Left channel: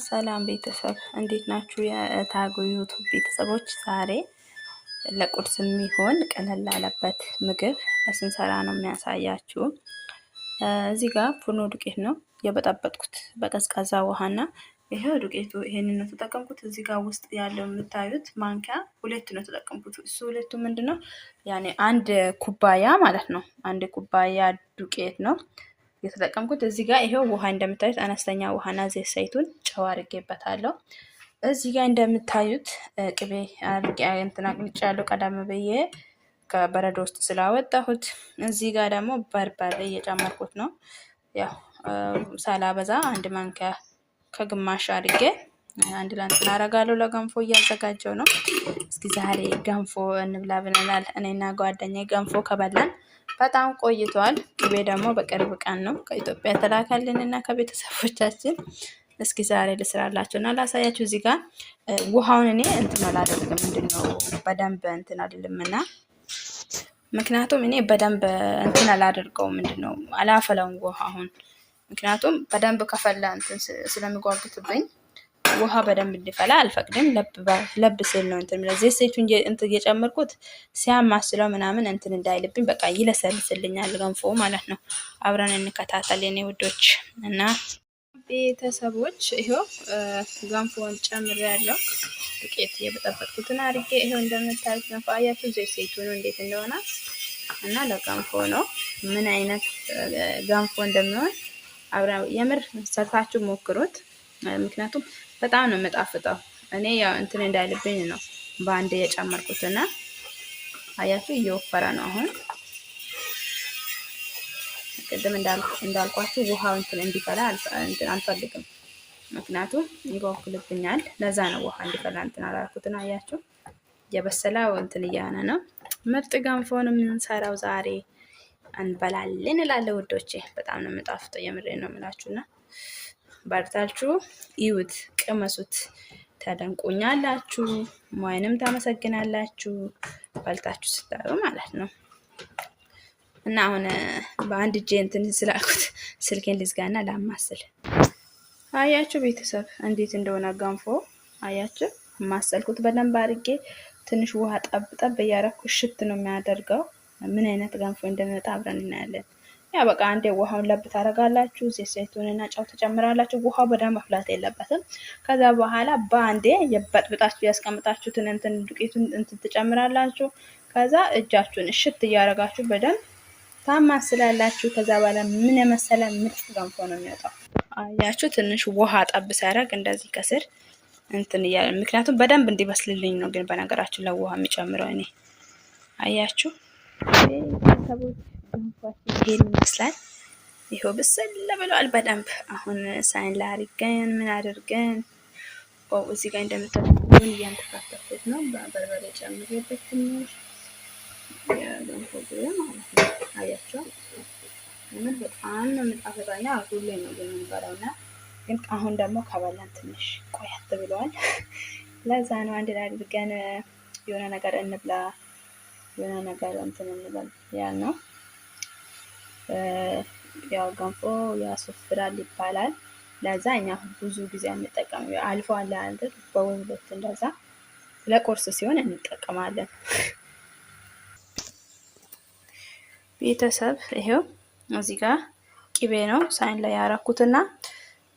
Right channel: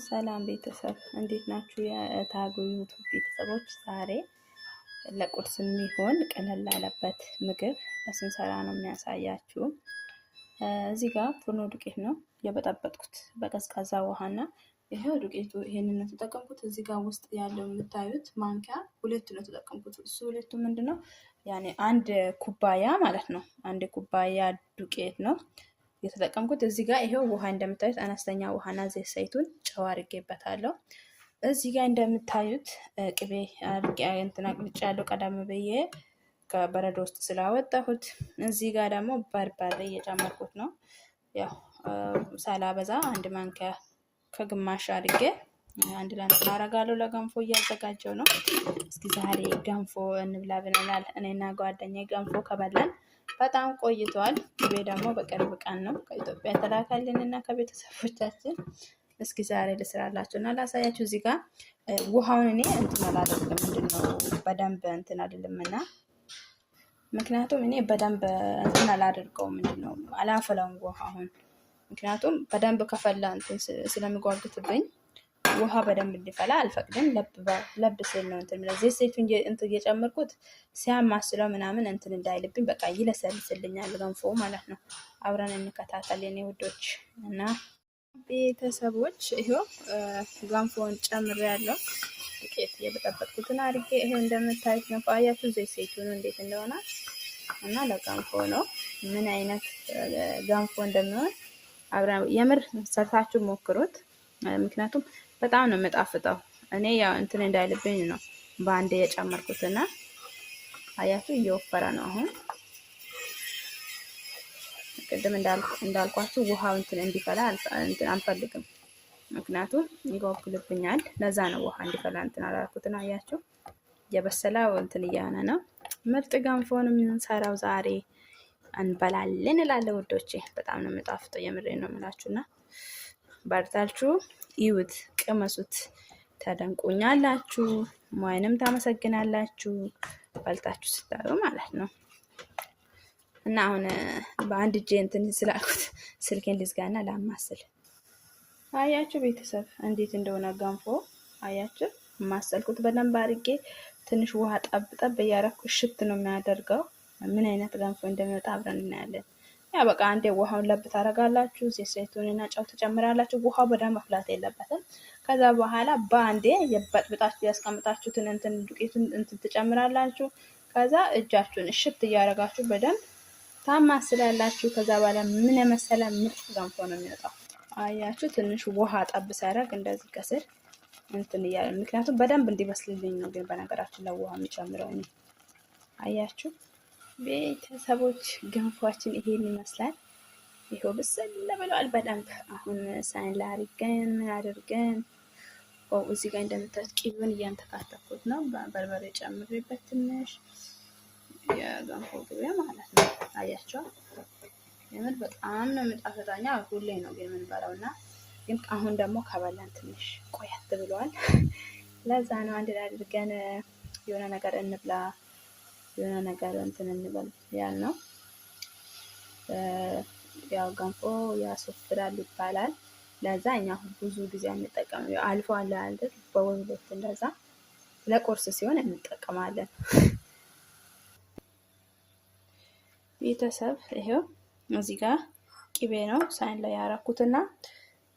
ሰላም ቤተሰብ እንዴት ናችሁ? የታጉ ዩቱብ ቤተሰቦች ዛሬ ለቁርስ የሚሆን ቀለል ያለበት ምግብ ስንሰራ ነው የሚያሳያችሁ። እዚህ ጋር ፉርኖ ዱቄት ነው የበጠበጥኩት በቀዝቃዛ ውሃና ይሄው ዱቄቱ ይሄንን ነው ተጠቀምኩት። እዚህ ጋር ውስጥ ያለው የምታዩት ማንኪያ ሁለት ነው ተጠቀምኩት። እሱ ሁለቱ ምንድነው ያኔ አንድ ኩባያ ማለት ነው። አንድ ኩባያ ዱቄት ነው የተጠቀምኩት። እዚህ ጋር ይሄው ውሃ እንደምታዩት አነስተኛ ውሃና ዘይት ዘይቱን ጨው አድርጌበታለሁ። እዚህ ጋር እንደምታዩት ቅቤ አድርጌ እንትን አቅልጫለሁ ቀደም ብዬ ከበረዶ ውስጥ ስላወጣሁት። እዚህ ጋር ደግሞ በርበሬ እየጨመርኩት ነው። ያው ሳላበዛ አንድ ማንኪያ ከግማሽ አድርጌ አንድ ላይ አደርጋለሁ። ለገንፎ እያዘጋጀው ነው። እስኪ ዛሬ ገንፎ እንብላ ብለናል። እኔና ጓደኛዬ ገንፎ ከበላን በጣም ቆይቷል። ቅቤ ደግሞ በቅርብ ቀን ነው ከኢትዮጵያ ተላካልንና ከቤተሰቦቻችን። እስኪ ዛሬ ልስራላችሁ እና ላሳያችሁ። እዚህ ጋር ውሃውን እኔ እንትን አላደርግም፣ ምንድነው በደንብ እንትን አይደለምና፣ ምክንያቱም እኔ በደንብ እንትን አላደርገውም፣ ምንድነው አላፈላውም ውሃውን። ምክንያቱም በደንብ ከፈላ እንትን ስለሚጓጉትብኝ ውሃ በደንብ እንዲፈላ አልፈቅድም። ለብ ሲል ነው እንትን ዘይት ዘይቱን እንትን እየጨመርኩት ሲያማስለው ምናምን እንትን እንዳይልብኝ በቃ ይለሰልስልኛል ገንፎ ማለት ነው። አብረን እንከታተል የኔ ውዶች እና ቤተሰቦች። ይሄው ገንፎን ጨምሬያለሁ። ዱቄት የበጠበጥኩትን አድርጌ ይሄው እንደምታዩት ገንፎ አያችሁ፣ ዘይት ዘይቱን እንዴት እንደሆነ እና ለገንፎ ነው ምን አይነት ገንፎ እንደሚሆን አብረን የምር ሰርታችሁ ሞክሩት። ምክንያቱም በጣም ነው የምጣፍጠው። እኔ ያው እንትን እንዳይልብኝ ነው በአንድ የጨመርኩትና አያችሁ እየወፈረ ነው። አሁን ቅድም እንዳልኳችሁ ውሃው እንትን እንዲፈላ አልፈልግም፣ ምክንያቱም ይጓጉልብኛል። ለዛ ነው ውሃ እንዲፈላ እንትን አላልኩትና አያችሁ የበሰለው እንትን እያነ ነው። ምርጥ ገንፎን የምንሰራው ዛሬ እንበላለን እላለሁ ውዶቼ። በጣም ነው የምጣፍጠው፣ የምሬን ነው የምላችሁና በርታችሁ ይዩት፣ ቅመሱት፣ ተደንቁኛላችሁ፣ ወይንም ታመሰግናላችሁ በልታችሁ ስታዩ ማለት ነው። እና አሁን በአንድ እጄ እንትን ስላልኩት ስልኬን ልዝጋና ላማስል። አያችሁ ቤተሰብ እንዴት እንደሆነ ገንፎ አያችሁ። ማሰልኩት በደንብ አድርጌ ትንሽ ውሃ ጠብ ጠብ እያደረኩ ሽት ነው የሚያደርገው። ምን አይነት ገንፎ እንደሚወጣ አብረን እናያለን። ያ በቃ አንዴ ውሃውን ለብ ታደርጋላችሁ፣ ዘይት ዘይቱንና ጨው ትጨምራላችሁ። ውሃው በደንብ መፍላት የለበትም። ከዛ በኋላ በአንዴ የበጥብጣችሁ ያስቀምጣችሁትን እንትን ዱቄቱን እንትን ትጨምራላችሁ። ከዛ እጃችሁን እሽት እያደረጋችሁ በደንብ ታማስላላችሁ። ከዛ በኋላ ምን የመሰለ ምርጥ ገንፎ ነው የሚወጣው። አያችሁ ትንሽ ውሃ ጠብ ሲያደርግ እንደዚህ ከስር እንትን እያለ፣ ምክንያቱም በደንብ እንዲበስልልኝ ነው። ግን በነገራችን ላይ ውሃ የሚጨምረው እኔ አያችሁ ቤተሰቦች ገንፏችን ይሄን ይመስላል። ይሄው ብስል ብሏል በደንብ። አሁን ሳይን ላይ አድርገን ምን አድርገን እዚህ ጋር እንደምታውቁ ቂቤውን እያንተፋተፍኩት ነው። በርበሬ ጨምሬበት ትንሽ የገንፎ ቂቤ ማለት ነው። አያቸው የምን በጣም ነው የምጣፍጠኛ። ሁሌ ነው ግን የምንበላውና ግን አሁን ደግሞ ከበላን ትንሽ ቆያት ብሏል። ለዛ ነው አንድ ላይ አድርገን የሆነ ነገር እንብላ የሆነ ነገር እንትን እንበል ያልነው። ያው ገንፎ ያስወፍራል ይባላል። ለዛ እኛ ብዙ ጊዜ አንጠቀም። አልፎ አለ አይደል በወንዶች እንደዛ ለቁርስ ሲሆን እንጠቀማለን። ቤተሰብ ይሄው እዚህ ጋር ቂቤ ነው ሳይን ላይ ያረኩትና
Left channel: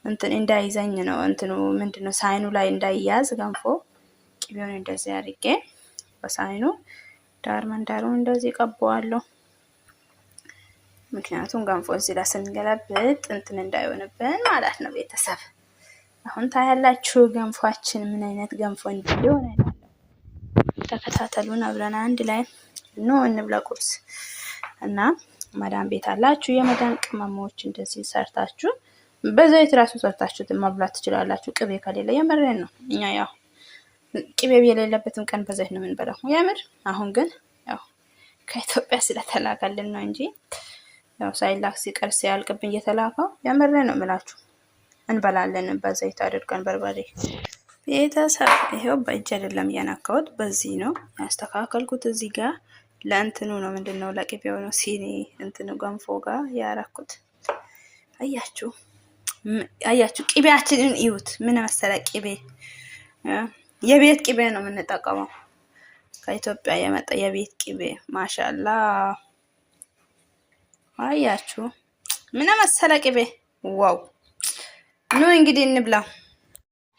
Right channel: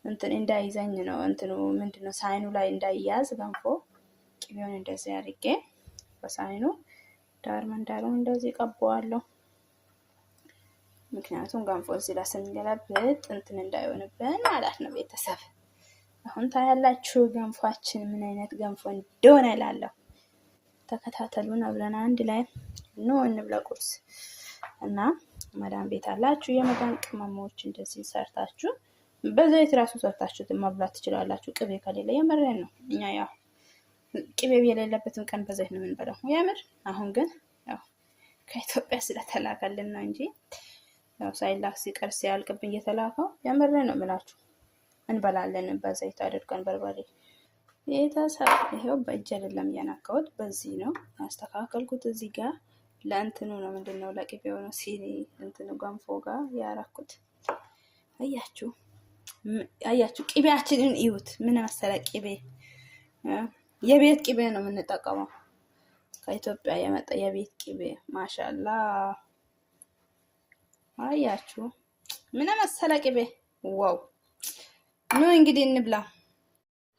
እንትን እንዳይዘኝ ነው እንትኑ ምንድነው ሳይኑ ላይ እንዳይያዝ ገንፎ ቂቤውን እንደዚህ አድርጌ በሳይኑ ዳር መንዳሩን እንደዚህ ቀባዋለሁ። ምክንያቱም ገንፎ እዚህ ላይ ስንገለብጥ እንትን እንዳይሆንብን ማለት ነው። ቤተሰብ አሁን ታያላችሁ ገንፏችን ምን አይነት ገንፎ እንደሆነ እላለሁ። ተከታተሉን አብረን አንድ ላይ ነው እንብላ ቁርስ። እና መዳን ቤት አላችሁ የመዳን ቅመሞች እንደዚህ ሰርታችሁ በዘይት ራሱ ሰርታችሁ መብላት ትችላላችሁ። ቅቤ ከሌለ የመረን ነው። እኛ ያው ቅቤ የሌለበትም ቀን በዘይት ነው የምንበላው የምር። አሁን ግን ያው ከኢትዮጵያ ስለተላከልን ነው እንጂ ያው ሳይላክ ሲቀር ሲያልቅብን እየተላከው የምር ነው የምላችሁ እንበላለን በዘይት አድርገን በርበሬ። ቤተሰብ ይሄው በእጅ አይደለም ያናካውት በዚህ ነው ያስተካከልኩት። እዚህ ጋር ለእንትኑ ነው ምንድነው ለቅቤው ነው ሲኒ እንትኑ ገንፎ ጋር ያራኩት። አያችሁ አያችሁ ቅቤያችንን እዩት። ምን መሰለ ቅቤ፣ የቤት ቅቤ ነው የምንጠቀመው። ከኢትዮጵያ የመጣ የቤት ቅቤ ማሻላ። አያችሁ ምን መሰለ ቅቤ። ዋው! ኑ እንግዲህ እንብላ።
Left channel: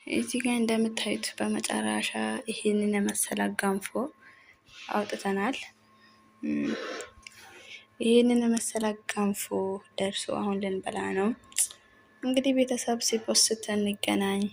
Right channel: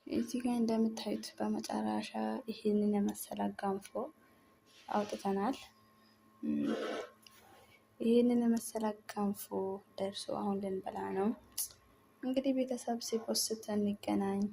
እዚህ ጋር እንደምታዩት በመጨረሻ ይሄንን የመሰለ ገንፎ አውጥተናል። ይሄንን የመሰለ ገንፎ ደርሶ አሁን ልንበላ ነው። እንግዲህ ቤተሰብ ሲፖስት እንገናኝ።